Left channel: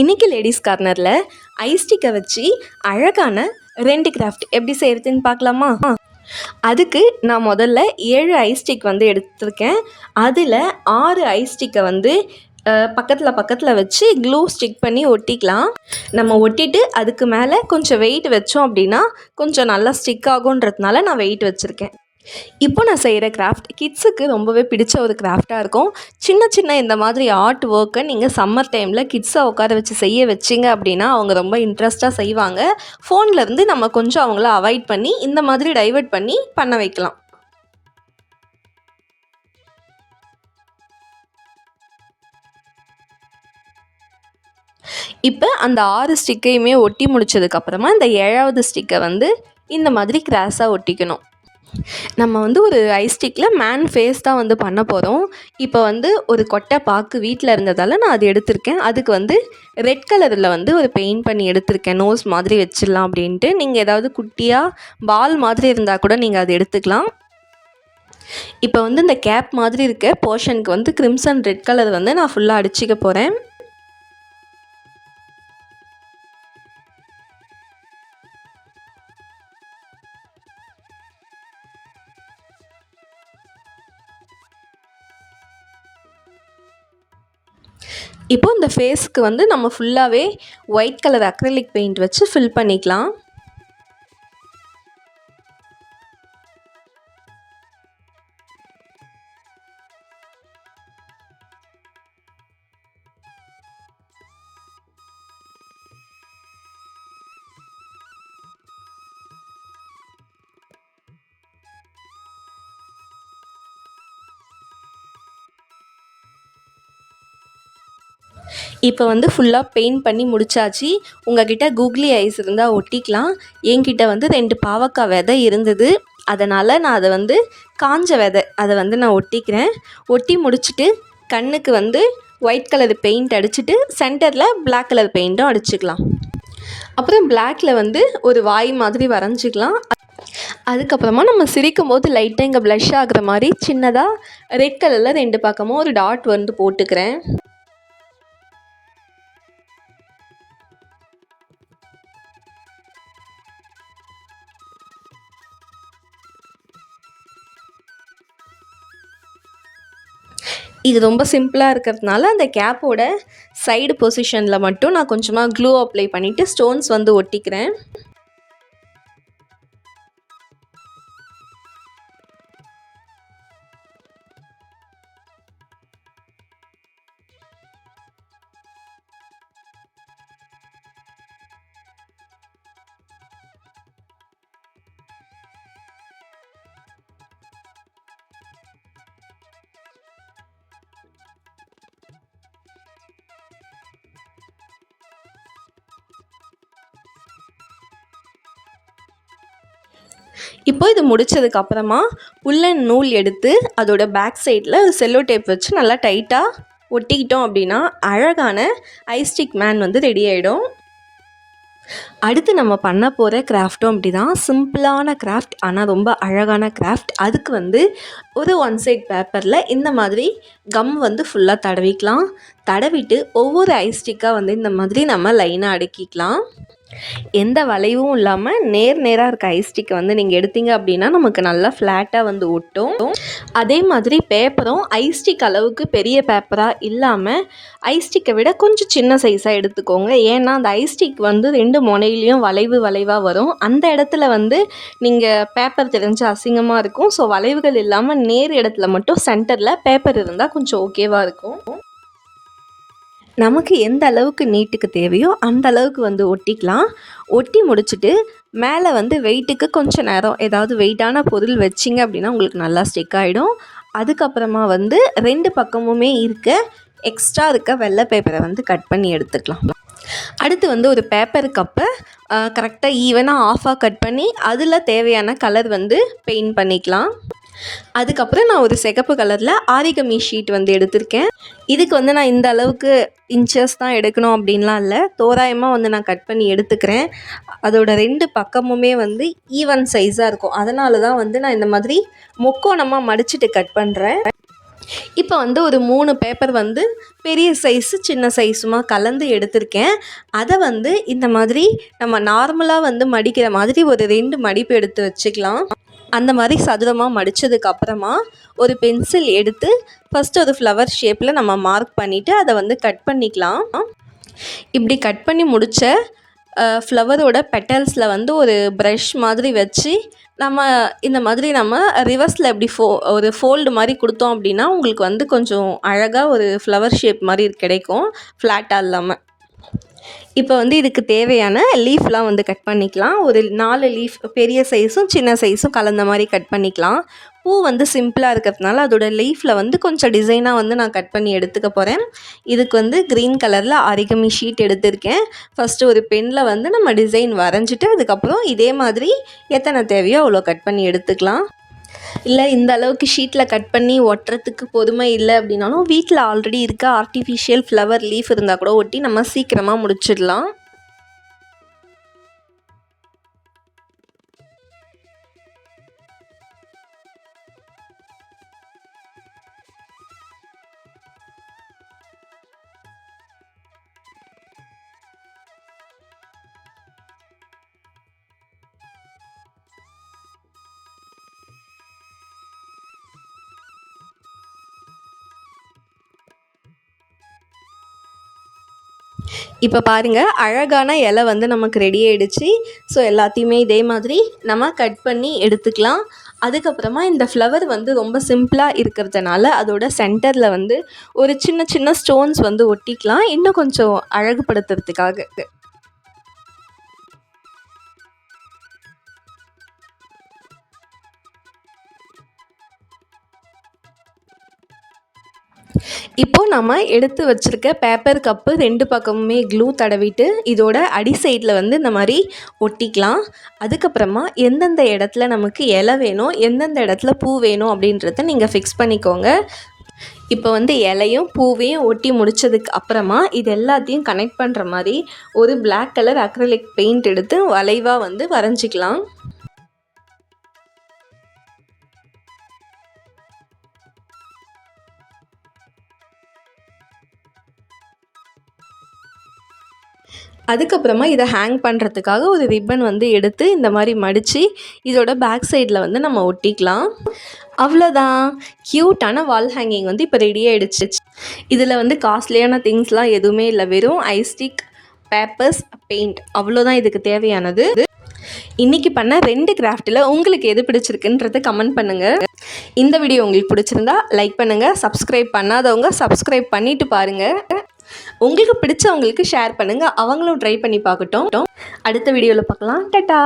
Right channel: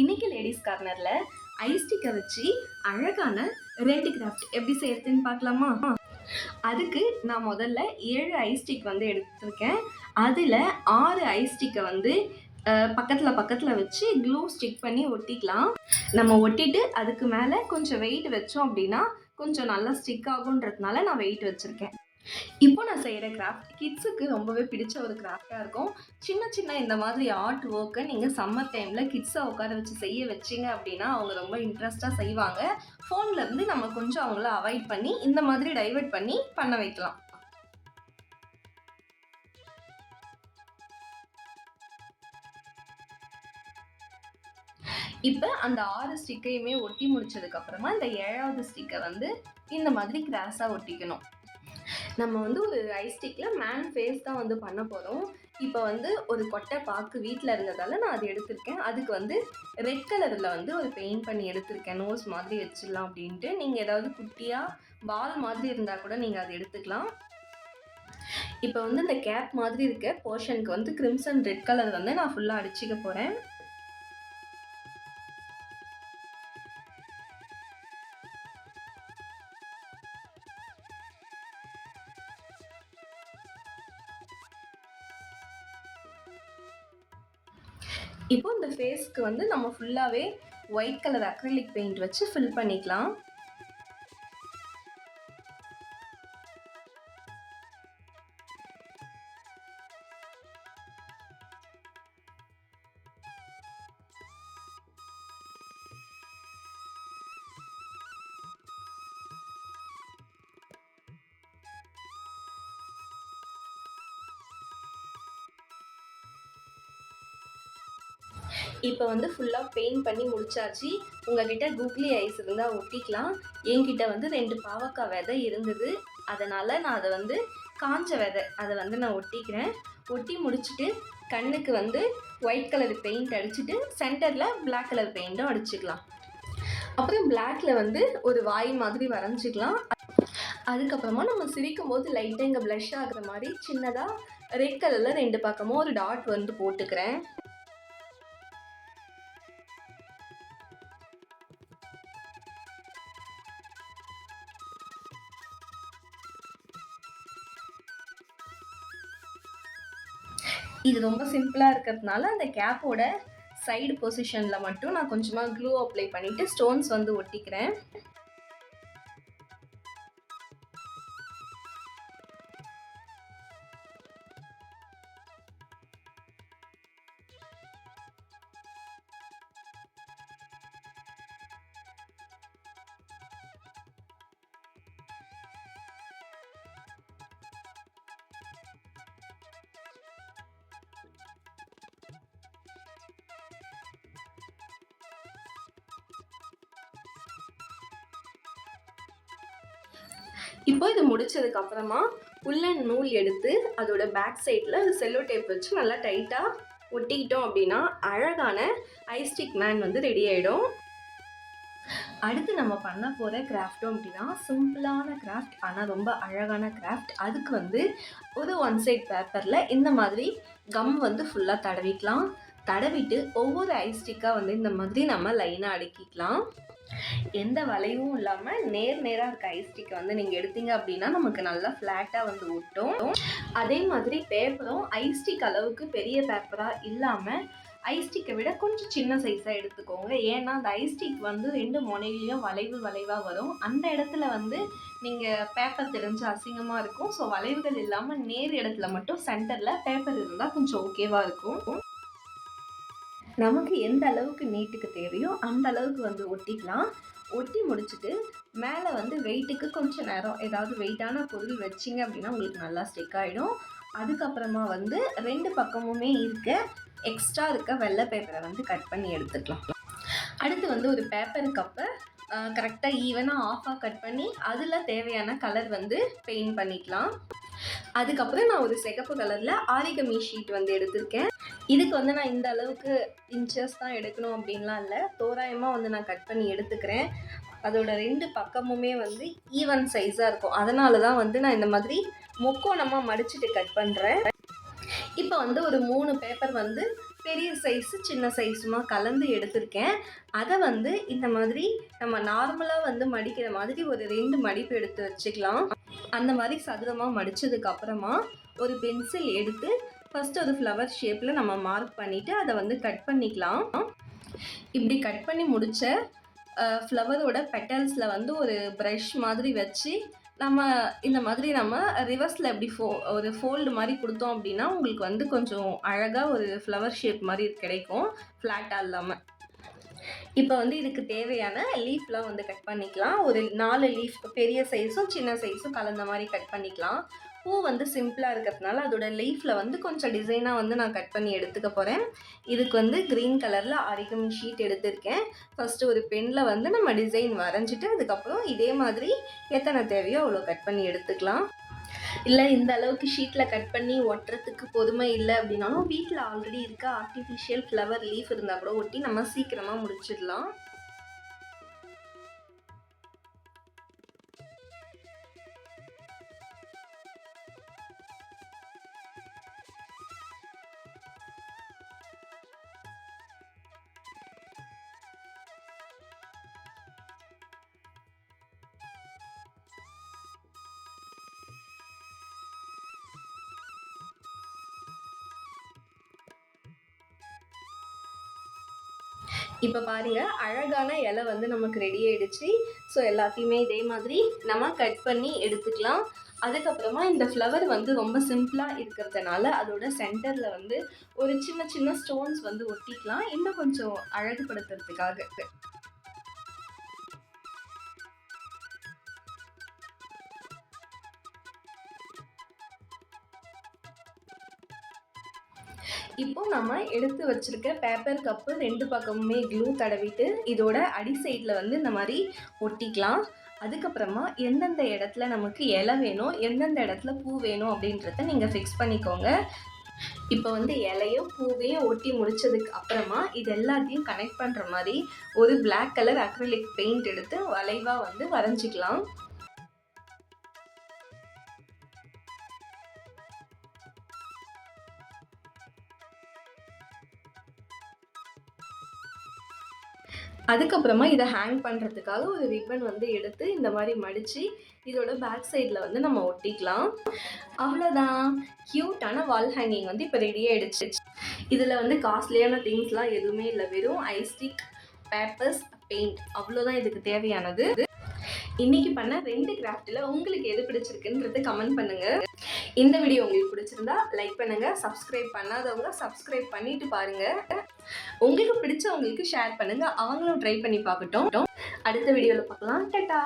இன்றைக்கி லேடிஸ் கார்னரில் ஐஸ்டிக்கை வச்சு அழகான 2 கிராஃப்ட் எப்படி செய்கிறதுன்னு பார்க்கலாமா? அதுக்கு நான் முதல்ல 7 ஐஸ்டிக் வந்து எடுத்திருக்கேன். அதில் 6 ஐஸ்டிக்கை வந்து பக்கத்தில் வச்சு க்ளூ ஸ்டிக் பண்ணி ஒட்டிக்கலாம். நம்ம ஒட்டிட்டு அதுக்கு மேலே கொஞ்சம் வெயிட் வச்சோம் அப்படின்னா கொஞ்சம் நல்லா ஸ்டிக் ஆகுன்றதுனால நான் வெயிட் வச்சுருக்கேன். இப்போ நான் செய்கிற கிராஃப்ட் கிட்ஸுக்கு ரொம்பவே பிடிச்ச ஒரு கிராஃப்டாக இருக்கும். சின்ன இந்த மாதிரி ஆர்ட் ஒர்க்கை நீங்கள் சம்மர் டைமில் கிட்ஸை உட்கார வச்சு செய்ய வச்சிங்க அப்படின்னா அவங்க ரொம்ப இன்ட்ரெஸ்ட்டாக செய்வாங்க. ஃபோன்லேருந்து நம்ம கொஞ்சம் அவங்கள அவாய்ட் பண்ணி இந்த மாதிரி டைவர்ட் பண்ணி பண்ண வைக்கலாம். இப்போ அந்த 6 ஸ்டிக்கையுமே ஒட்டி முடித்ததுக்கப்புறமா இந்த 7வது ஸ்டிக்கை வந்து இந்த மாதிரி கிராஸாக ஒட்டிக்கணும். நம்ம வந்து ஒரு ஐஸ்டிக்கில் மேன் ஃபேஸ் தான் வந்து பண்ண போகிறோம். இப்போ வந்து ஒரு கொட்டை பாக்கு வீட்டில் இருந்ததால் நான் அது எடுத்திருக்கேன். அதுக்கு வந்து ரெட் கலரில் வந்து ஒரு பெயிண்ட் பண்ணி எடுத்திருக்கேன். நோஸ் மாதிரி வச்சிடலாம் அப்படின்ட்டு. நீங்கள் ஏதாவது குட்டியாக பால் மாதிரி இருந்தால் கூட நீங்கள் அதை எடுத்துக்கலாம். இப்போ வந்து இந்த கேப் மாதிரி இருக்க போர்ஷனுக்கு வந்து கிரிம்சன் ரெட் கலர் வந்து நான் ஃபுல்லாக அடிச்சிக்க போகிறேன். இப்போ இந்த ஃபேஸ்க்கு வந்து நம்ம ஃபுல்லாகவே ஒயிட் கலர் அக்ரிலிக் பெயிண்ட் வச்சு ஃபில் பண்ணிக்கலாம். இப்போ வந்து ஃபுல்லாக பெயிண்ட் பண்ணி முடிச்சாச்சு. உங்கள்கிட்ட கூகுளி ஐஸ் இருந்தால் ஒட்டிக்கலாம். என்கிட்ட வந்து 2 பாவக்காய் விதை இருந்தது. அதனால் நான் அதை வந்து காஞ்ச விதை அதை வந்து நான் ஒட்டிக்கிறேன். ஒட்டி முடிச்சுட்டு கண்ணுக்கு வந்து ஒயிட் கலர் பெயிண்ட் அடிச்சுட்டு சென்டரில் பிளாக் கலர் பெயிண்ட்டும் அடிச்சுக்கலாம். அப்புறம் பிளாக்கில் வந்து ஒரு வாய் மாதிரி வரைஞ்சிக்கலாம். அதுக்கப்புறமா நம்ம சிரிக்கும் போது லைட்டாக இங்கே ப்ளஷ் ஆகுற மாதிரி சின்னதாக ரெட் கலரில் 2 பக்கமும் ஒரு டாட் வந்து போட்டுக்கிறேன். இது ரொம்ப சிம்பிளாக இருக்கிறதுனால அந்த கேப்போட சைடு பொசிஷனில் மட்டும் நான் கொஞ்சமாக க்ளூ அப்ளை பண்ணிவிட்டு ஸ்டோன்ஸ் வந்து ஒட்டிக்கிறேன். இப்போ இது முடித்ததுக்கப்புறமா உல்லன் நூல் எடுத்து அதோட பேக் சைடில் செல்லோ டேப் வச்சு நல்லா டைட்டாக ஒட்டிக்கிட்டோம் அப்படின்னா அழகான ஐஸ்டிக் மேன் வந்து ரெடி ஆகிடும். அடுத்து நம்ம பண்ண போகிற கிராஃப்ட்டும் அப்படி தான். சிம்பிளான கிராஃப்ட் ஆனால் ரொம்ப அழகான கிராஃப்ட். அதுக்கு வந்து ஒரு 1 சைட் பேப்பரில் இந்த மாதிரி கம் வந்து ஃபுல்லாக தடவிக்கலாம். தடவிட்டு ஒவ்வொரு ஐஸ்டிக்காக வந்து இந்த மாதிரி நம்ம லைனாக அடுக்கிக்கலாம். எந்த வளைவும் இல்லாமல் நேராக இருக்க ஐஸ்டிக்கை வந்து நீங்கள் எடுத்தீங்க அப்படின்னா நமக்கு நல்லா ஃப்ளாட்டாக வந்து ஒட்டும். அதே மாதிரி பேப்பரும் ஐஸ்டிக் அளவுக்கு பெரிய பேப்பராக இல்லாமல் ஐஸ்டிக்கை விட கொஞ்சம் சின்ன சைஸாக எடுத்துக்கோங்க. ஏன்னா அந்த ஐஸ்டிக் வந்து 2 முனையிலையும் வளைவாக வரும். அந்த இடத்துல வந்து நீங்கள் பேப்பர் தெரிஞ்சு அசிங்கமாக இருக்கும். ஸோ வளைவுகள் இல்லாமல் நேர் இடத்துல மட்டும் சென்டரில் பேப்பர் இருந்தால் கொஞ்சம் ஓகேவாக இருக்கும். நமக்கு எந்த அளவுக்கு நீட்டுக்கு தேவையோ அந்த அளவுக்கு வந்து ஒட்டிக்கலாம். ஒட்டி முடிச்சுட்டு மேலே வந்து வெயிட்டுக்கு கொஞ்சம் நேரம் ஏதாவது வெயிட்டான பொருள் வச்சிங்க அப்படின்னா உங்களுக்கு நல்லா ஸ்டிக் ஆகிடும். அதுக்கப்புறமா வந்து 2 பக்கமுமே எக்ஸ்ட்ரா இருக்க வெள்ளை பேப்பரை வந்து கட் பண்ணி எடுத்துக்கலாம். அடுத்து வந்து ஒரு பேப்பர் கப்பை கரெக்டாக ஈவனாக ஆஃபாக கட் பண்ணி அதில் தேவையான கலர் வந்து பெயிண்ட் பண்ணிக்கலாம். அதுக்கப்புறம் நான் ஒரு சிகப்பு கலரில் ஆரிகமி ஷீட் வந்து எடுத்திருக்கேன். இதுக்கு வந்து நான் இந்த அளவுக்கு இன்ச்சஸ் தான் எடுக்கணும் அப்படின்லாம் இல்லை, தோராயமாக வந்து நான் கட் பண்ணி எடுத்துக்கிறேன். அதோட 2 பக்கமுமே வந்து ஈவன் சைஸாக இருக்கும். அதனால தான் வந்து நான் இந்த மாதிரி முக்கோணமாக மடிச்சுட்டு கட் பண்ணுறேன். இப்போ வந்து ஒரு 3 பேப்பர் வந்து பெரிய சைஸு சின்ன சைஸுமா கலந்து எடுத்திருக்கேன். அதை வந்து இந்த மாதிரி நம்ம நார்மலாக வந்து மடிக்கிற மாதிரி ஒரு 2 மடிப்பு எடுத்து வச்சுக்கலாம். அந்த மாதிரி சதுரமாக மடித்ததுக்கப்புறமா ஒரு பென்சில் எடுத்து ஃபஸ்ட்டு ஒரு ஃப்ளவர் ஷேப்பில் நம்ம மார்க் பண்ணிவிட்டு அதை வந்து கட் பண்ணிக்கலாம். இப்படி கட் பண்ணி முடித்த ஃப்ளவரோட பெட்டல்ஸில் வந்து ஒரு ப்ரஷ் மாதிரி வச்சு நம்ம இந்த மாதிரி நம்ம ரிவர்ஸில் எப்படி ஒரு ஃபோல்டு மாதிரி கொடுத்தோம் அப்படின்னா உங்களுக்கு வந்து கொஞ்சம் அழகாக ஒரு ஃப்ளவர் ஷேப் மாதிரி கிடைக்கும், ஃப்ளாட்டாக இல்லாமல். இப்போ வந்து இதுக்கு தேவையான லீஃப்லாம் வந்து கட் பண்ணிக்கலாம். ஒரு 4 லீஃப் பெரிய சைஸும் சின்ன சைஸும் கலந்த மாதிரி கட் பண்ணிக்கலாம். பூ வந்து சிம்பிளாக இருக்கிறதுனால அதோட லீஃபில் வந்து கொஞ்சம் டிசைனாக வந்து நான் கட் பண்ணி எடுத்துக்க போகிறேன். இதுக்கு வந்து க்ரீன் கலரில் ஆரிகமி ஷீட் எடுத்திருக்கேன். ஃபஸ்ட்டு ஒரு பெனில் வந்து நம்ம டிசைன் வரைஞ்சிட்டு அதுக்கப்புறம் இதே மாதிரி எத்தனை தேவையோ அவ்வளோ கட் பண்ணி எடுத்துக்கலாம். இல்லை இந்த அளவுக்கு ஷீட்டில் கட் பண்ணி ஒட்டுறதுக்கு பொறுமை இல்லை அப்படின்னாலும் வீட்டில் ஆல்ரெடி இருக்க ஆர்டிஃபிஷியல் ஃப்ளவர் லீஃப் இருந்தால் கூட ஒட்டி நம்ம சீக்கிரமாக முடிச்சிடலாம். இப்போ பாருங்கள், அழகான இலை வந்து நமக்கு ரெடி ஆகிடுச்சு. ஸோ எல்லாத்தையுமே இதே மாதிரி நம்ம கட் பண்ணி எடுத்துக்கலாம். அதுக்கப்புறமா இந்த ஃப்ளவர் வந்து ரொம்ப சிம்பிளாக இருக்கிறதுனால அதோட சென்டரில் வந்து ஒரு சின்ன சின்ன ஸ்டோன்ஸ் வந்து ஒட்டிக்கலாம், இன்னும் கொஞ்சம் அழகுபடுத்துறதுக்காக. இப்போது நம்ம எடுத்து வச்சுருக்க பேப்பர் கப்பு 2 பக்கமுமே க்ளூ தடவிட்டு இதோட அடி சைடில் வந்து இந்த மாதிரி ஒட்டிக்கலாம். அதுக்கப்புறமா எந்தெந்த இடத்துல நமக்கு இலை வேணும், எந்தெந்த இடத்துல பூ வேணும் அப்படின்றத நீங்கள் ஃபிக்ஸ் பண்ணிக்கோங்க. இப்போ வந்து இலையும் பூவையும் ஒட்டி முடித்ததுக்கு அப்புறமா இது எல்லாத்தையும் கனெக்ட் பண்ணுற மாதிரி ஒரு பிளாக் கலர் அக்ரிலிக் பெயிண்ட் எடுத்து வளைவாக வந்து வரைஞ்சிக்கலாம். அதுக்கப்புறமா இதை ஹேங் பண்ணுறதுக்காக ஒரு ரிப்பன் வந்து எடுத்து இந்த மாதிரி மடித்து இதோட பேக் சைடில் வந்து நம்ம ஒட்டிக்கலாம். அவ்வளோதான், க்யூட்டான வால் ஹேங்கிங் வந்து இப்போ ரெடி ஆகிடுச்சு. இதில் வந்து காஸ்ட்லியான திங்ஸ்லாம் எதுவுமே இல்லை, வெறும் ஐஸ்டிக், பேப்பர்ஸ், பெயிண்ட், அவ்வளோதான் இதுக்கு தேவையானது. இன்றைக்கி பண்ண 2 கிராஃப்ட்டில் உங்களுக்கு எது பிடிச்சிருக்குன்றதை கமெண்ட் பண்ணுங்கள். இந்த வீடியோ உங்களுக்கு பிடிச்சிருந்தா லைக் பண்ணுங்கள், சப்ஸ்கிரைப் பண்ணாதவங்க சப்ஸ்கிரைப் பண்ணிவிட்டு பாருங்கள். உங்களுக்கு பிடிச்சவங்களுக்கு ஷேர் பண்ணுங்கள், அவங்களும் ட்ரை பண்ணி பார்க்கட்டும். அடுத்த வீடியோவில் பார்க்கலாம். டாடா.